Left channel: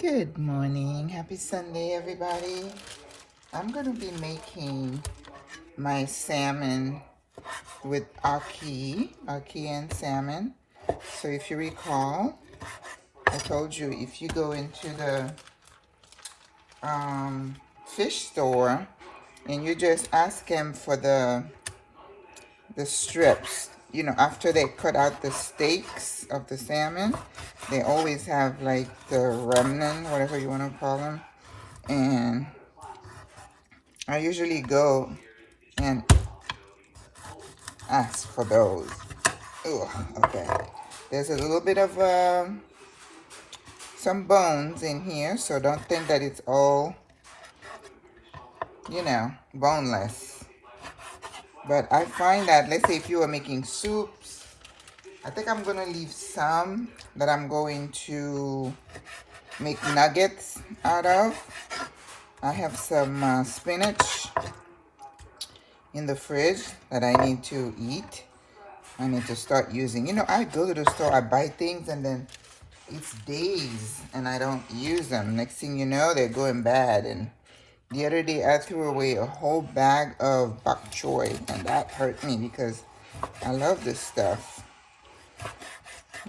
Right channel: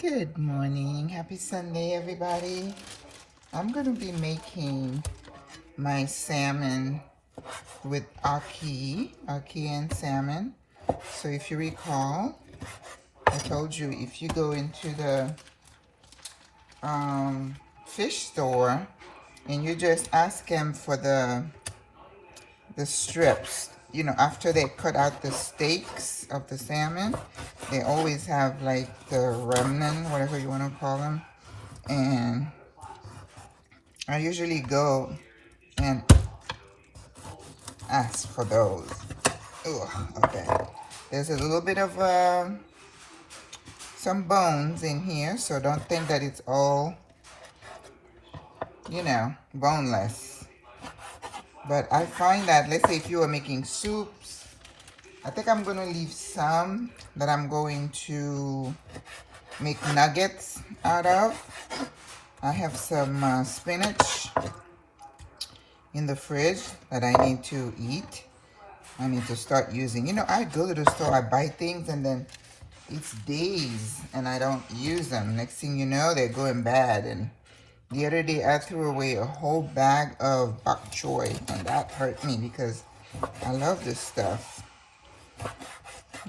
Good morning. Happy Sunday, everybody. I'm going to be making my salmon with Ackee and salmon. So if you recall, I told you if you go into the fish store and you just ask them for the strips, you know, after they cut out the steaks of the salmon, they always have like the remnant, whatever you want to call them. And I usually go and ask for those. Ugh, okay. There's a little bit of some bones in here, so don't think that it's all, you know, boneless. But I find that, let's say if you are making soups, I think I'm going to leave some that I'm going to make nuggets out of. I have some spinach in the fridge that I need to eat. I need to start using. You know, I go to the store, I buy things, and then it's days and I don't use them. Next thing you know, they're going bad. And the other day, I threw away a whole bag of bok choy, and that hurt me because I love this stuff.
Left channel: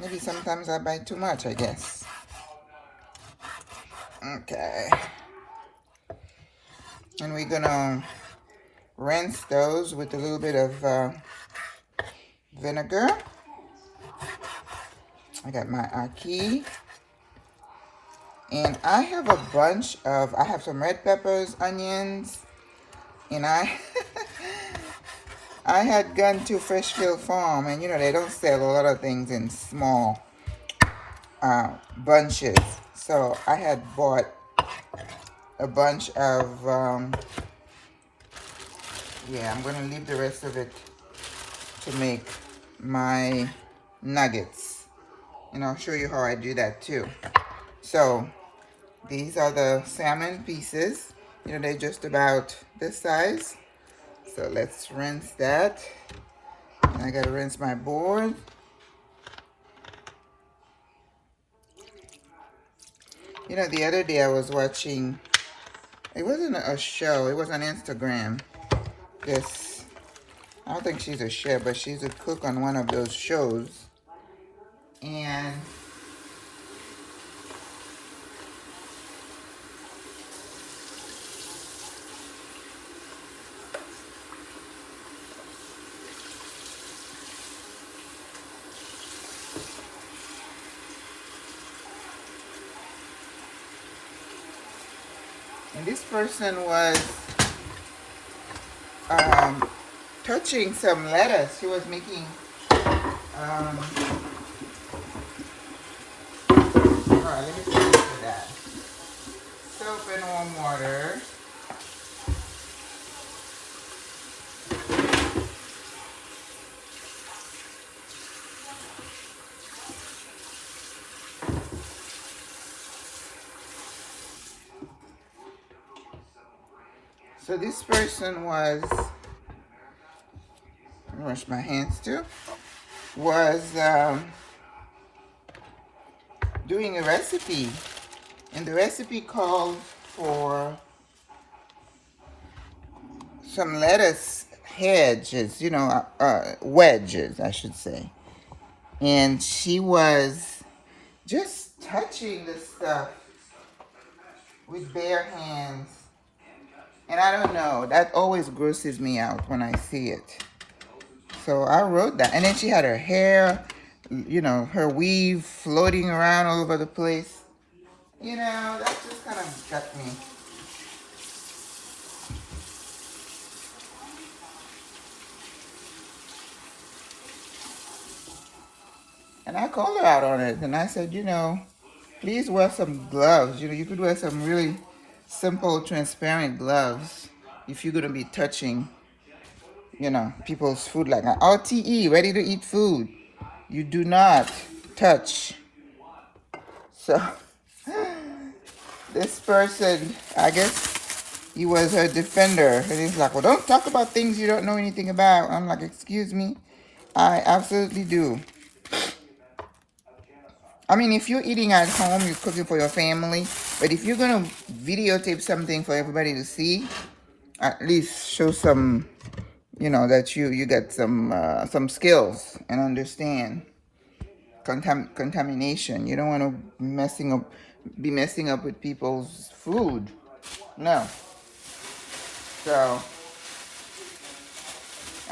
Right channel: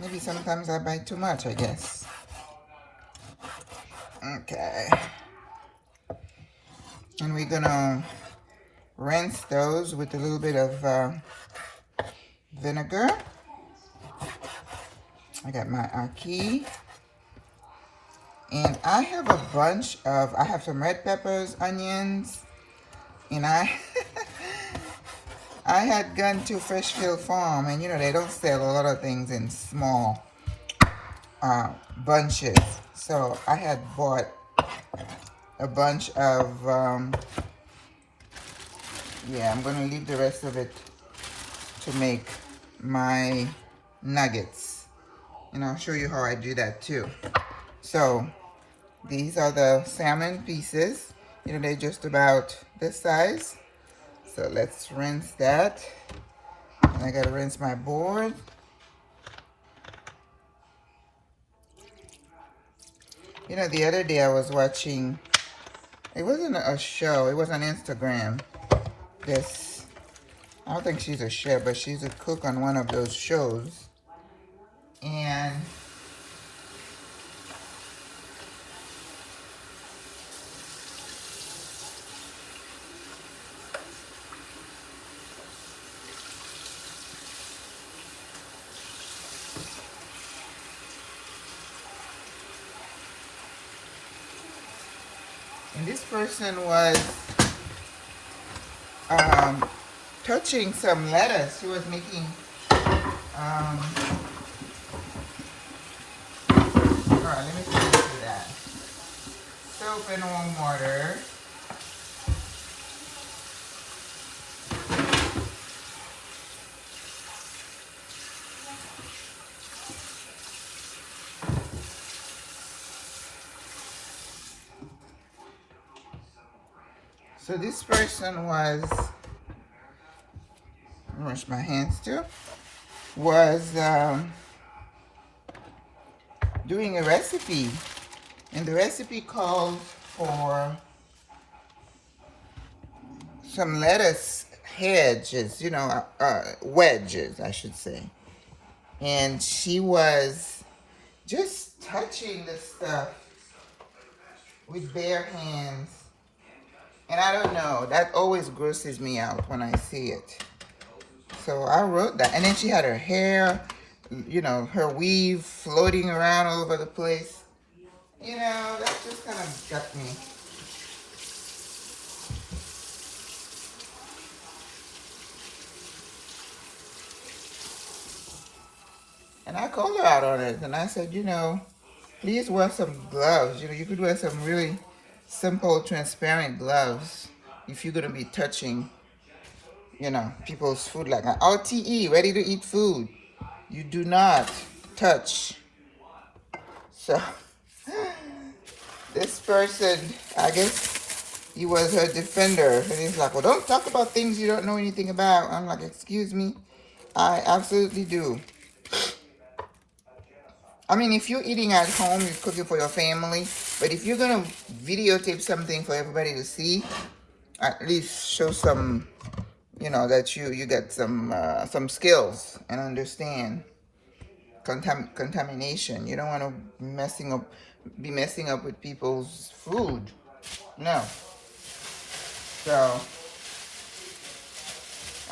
Maybe sometimes I buy too much, I guess. Okay. And we're gonna rinse those with a little bit of vinegar. I got my ackee. And I have a bunch of, I have some red peppers, onions, and I had gone to Freshfield Farm, and you know, they don't sell a lot of things in small bunches. So I had bought a bunch of, yeah, I'm gonna leave the rest of it to make my nuggets. And I'll show you how I do that too. So these are the salmon pieces. You know, they're just about this size. So let's rinse that. And I gotta rinse my board. You know, the other day I was watching, it wasn't a show, it was on Instagram. This, I don't think she's a chef, but she's a cook on one of those shows. And this person was touching some lettuce. She was making, all right, let me get into that. Soap and warm water. So this person was, wash my hands too, was doing a recipe. And the recipe called for some lettuce hedges, you know, wedges, I should say. And she was just touching the stuff with bare hands. And I don't know, that always grosses me out when I see it. So I wrote that. And then she had her hair, you know, her weave floating around all over the place. You know, that just kind of got me. And I called her out on it. And I said, you know, please wear some gloves. You know, you could wear some really simple, transparent gloves if you're going to be touching, you know, people's food like that. RTE, ready to eat food. You do not touch. So this person, I guess he was her defender. And he's like, well, don't talk about things you don't know anything about. I'm like, excuse me, I absolutely do. I mean, if you're eating at home, you're cooking for your family. But if you're gonna videotape something for everybody to see, at least show some, you know, that you got some skills and understand contamination. You don't want to be messing up with people's food. No. So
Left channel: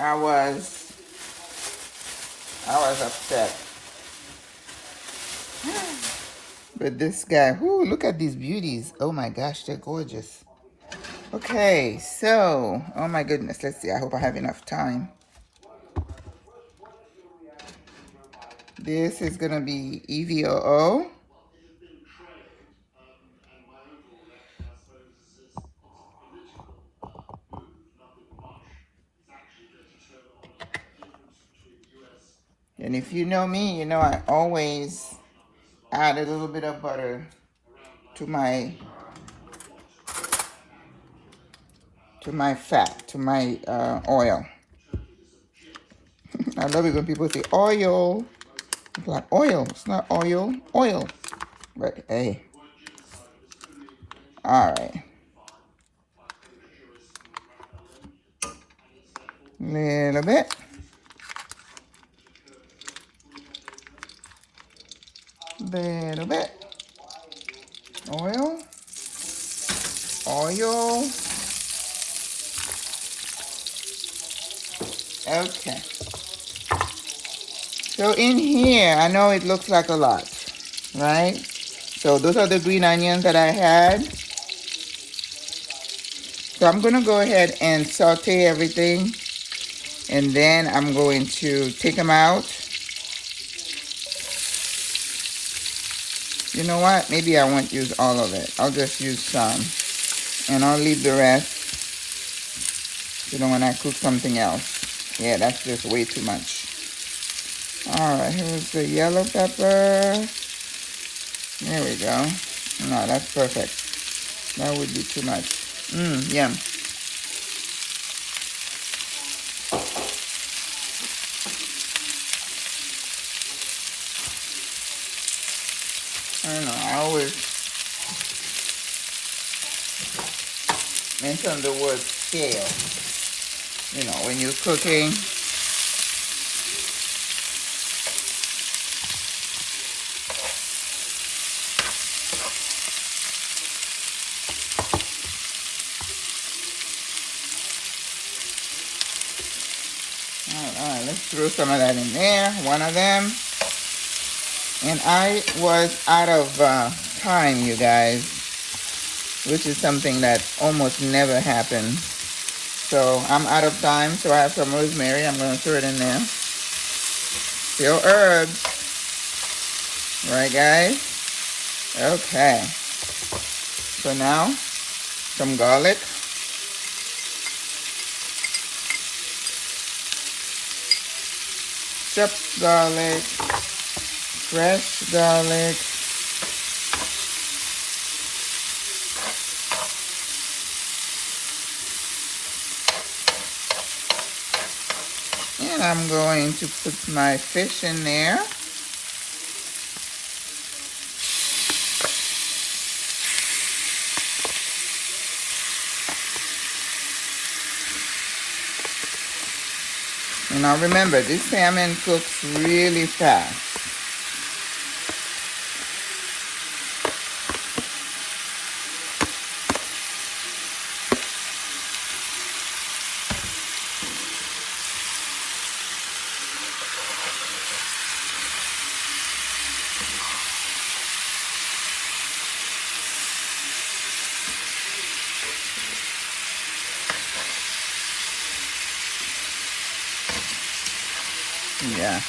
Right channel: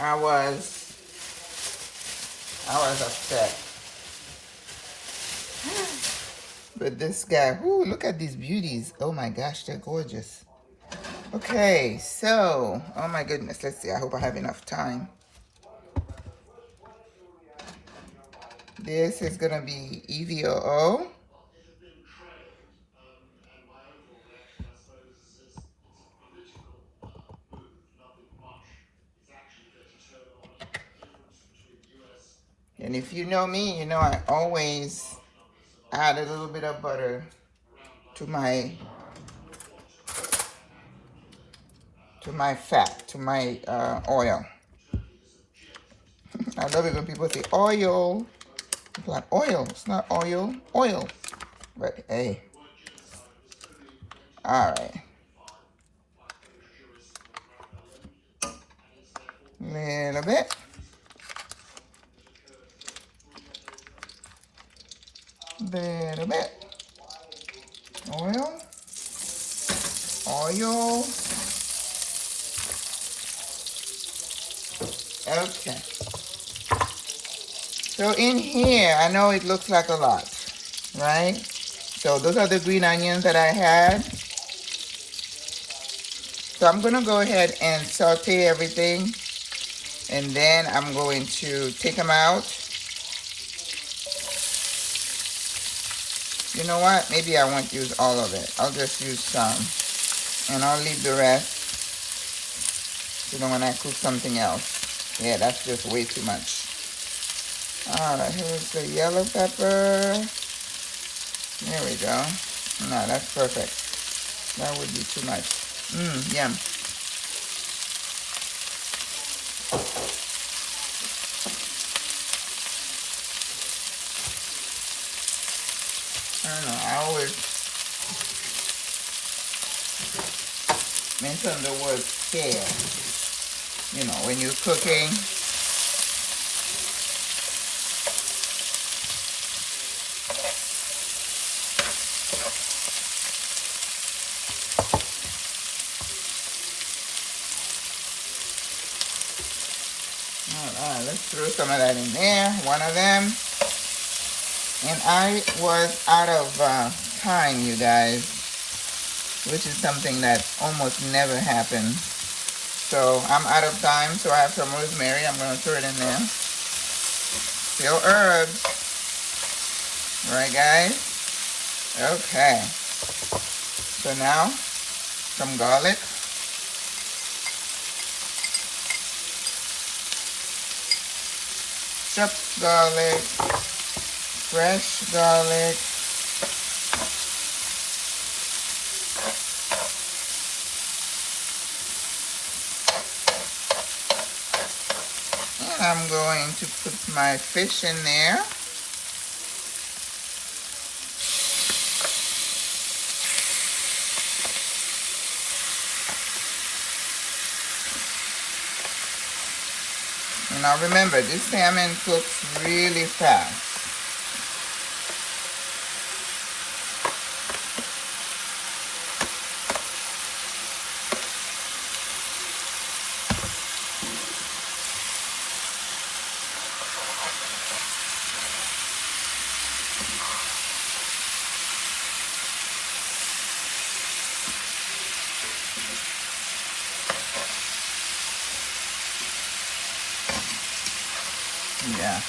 I was upset. But this guy, whoo, look at these beauties. Oh my gosh, they're gorgeous. Okay, so, oh my goodness, let's see. I hope I have enough time. This is gonna be EVOO. And if you know me, you know I always add a little bit of butter to my fat, to my oil. I love it when people say oil. It's like oil. It's not oil. Oil. But hey. All right. Little bit. Little bit. Oil. Oil. Okay. So in here, I know it looks like a lot, right? So those are the green onions that I had. So I'm gonna go ahead and saute everything, and then I'm going to take them out. You know what? Maybe I won't use all of it. I'll just use some, and I'll leave the rest, you know, when I cook something else. Yeah, that's just way too much. All right, here's the yellow pepper. There we go. No, that's perfect. That would be too much. Yum. I don't know, I always mention the word scale. You know, when you're cooking. Let's throw some of that in there, one of them. And I was out of time, you guys, which is something that almost never happens. So I'm out of time, so I have some rosemary. I'm going to throw it in there. Still herbs. Right, guys? Okay. So now, some garlic. Chopped garlic, fresh garlic, and I'm going to put my fish in there. And now remember, this salmon cooks really fast. Yeah.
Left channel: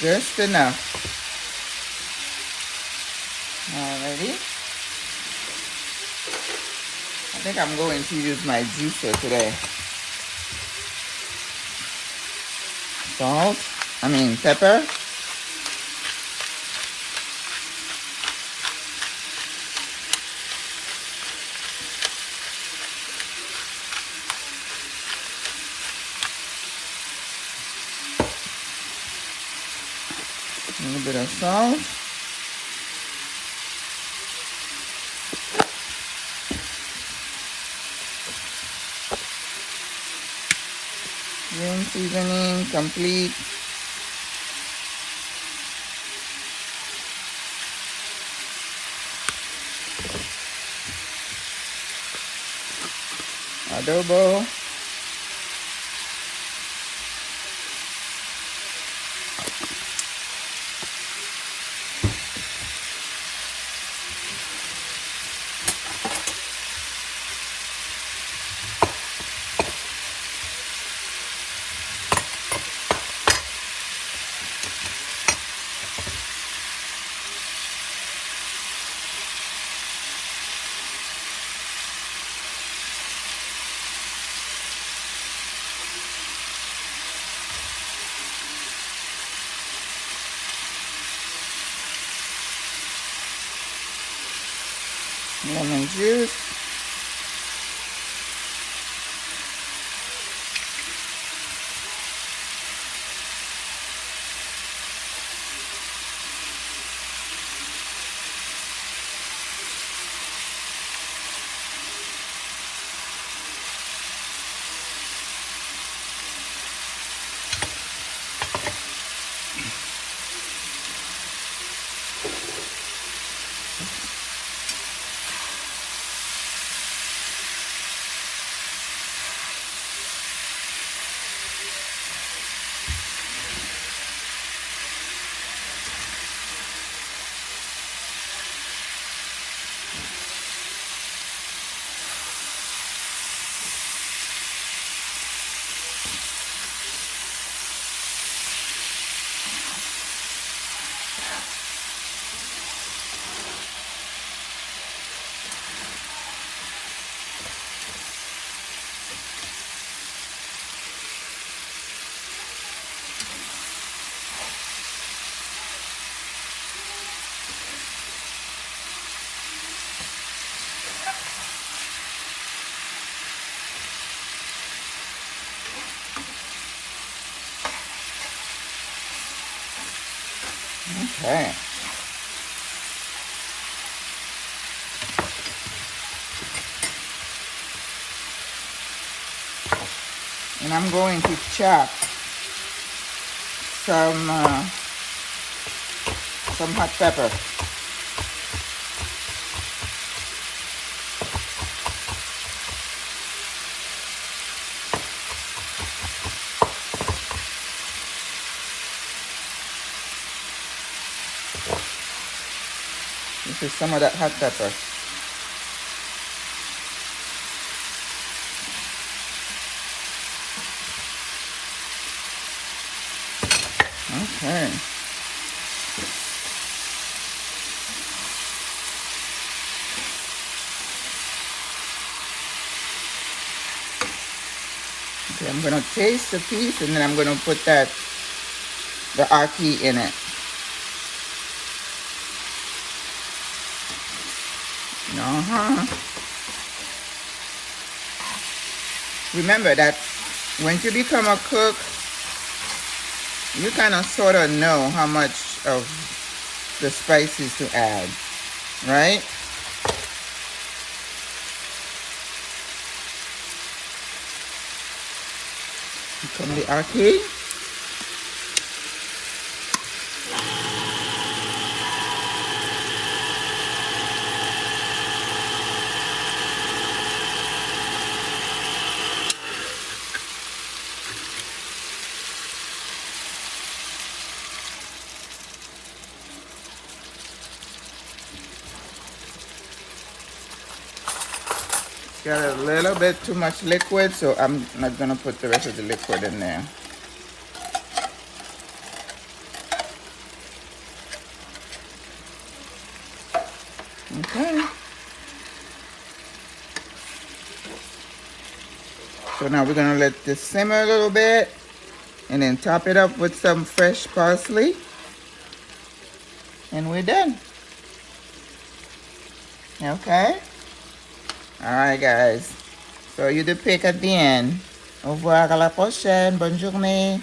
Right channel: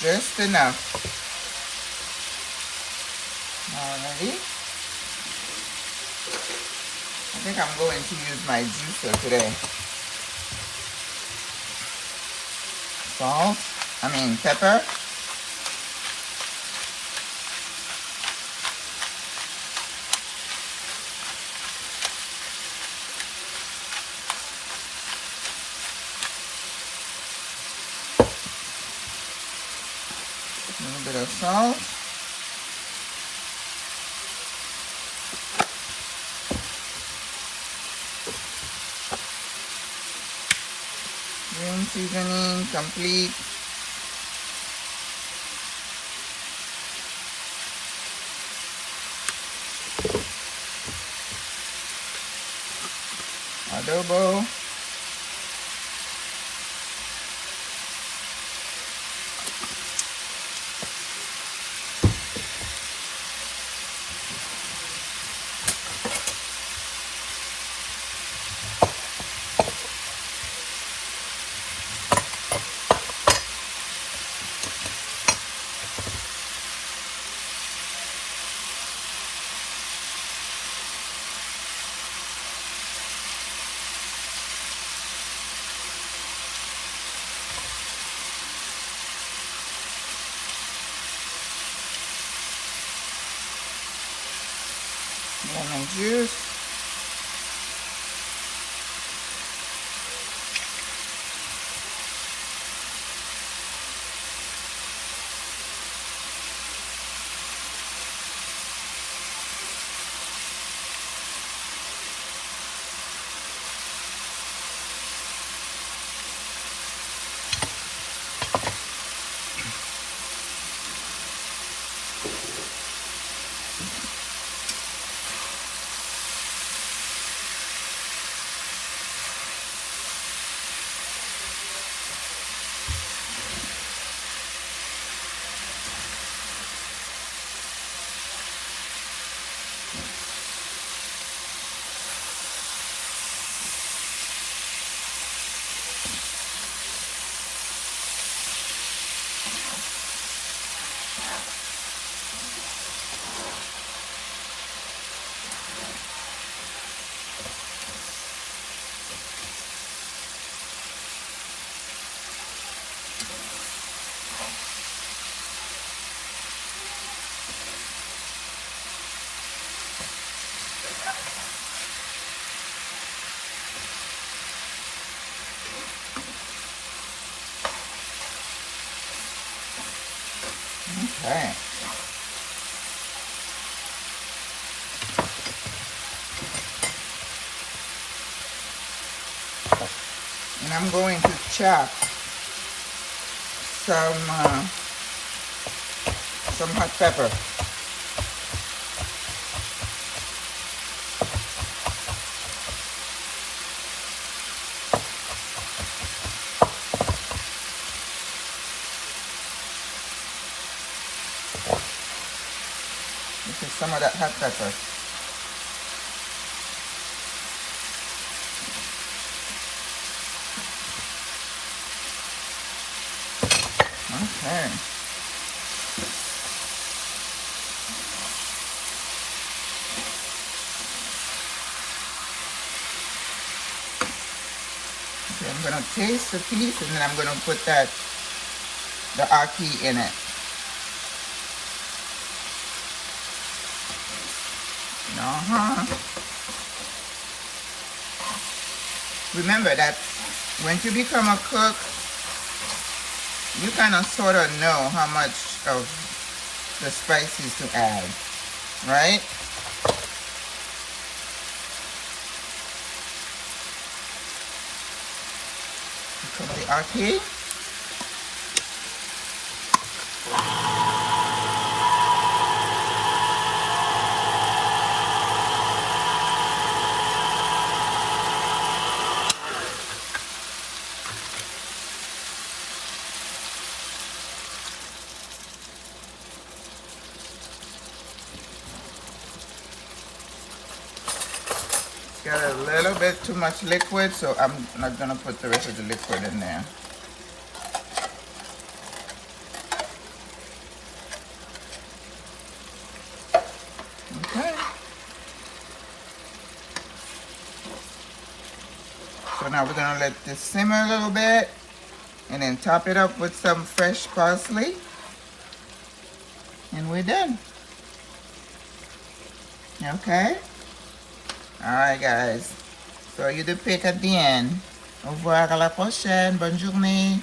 Just enough. Alrighty. I think I'm going to use my juicer today. Salt. Pepper. bit of salt. Green seasoning complete. Adobo. Lemon juice. Okay. And I'm going to chop some hot pepper. This is some of that hot pepper. Okay. Okay, I'm gonna taste the piece and then I'm gonna put the ackee in it. Remember that when you become a cook, you kind of sort of know how much of the spices to add, right? Come the ackee. Got a little bit too much liquid, so I'm not gonna put the rest of the liquid in there. Okay. So now we're gonna let this simmer a little bit and then top it up with some fresh parsley. And we're done. Okay. Alright guys, so you do pick at the end. Au revoir, à la prochaine, bonne journée.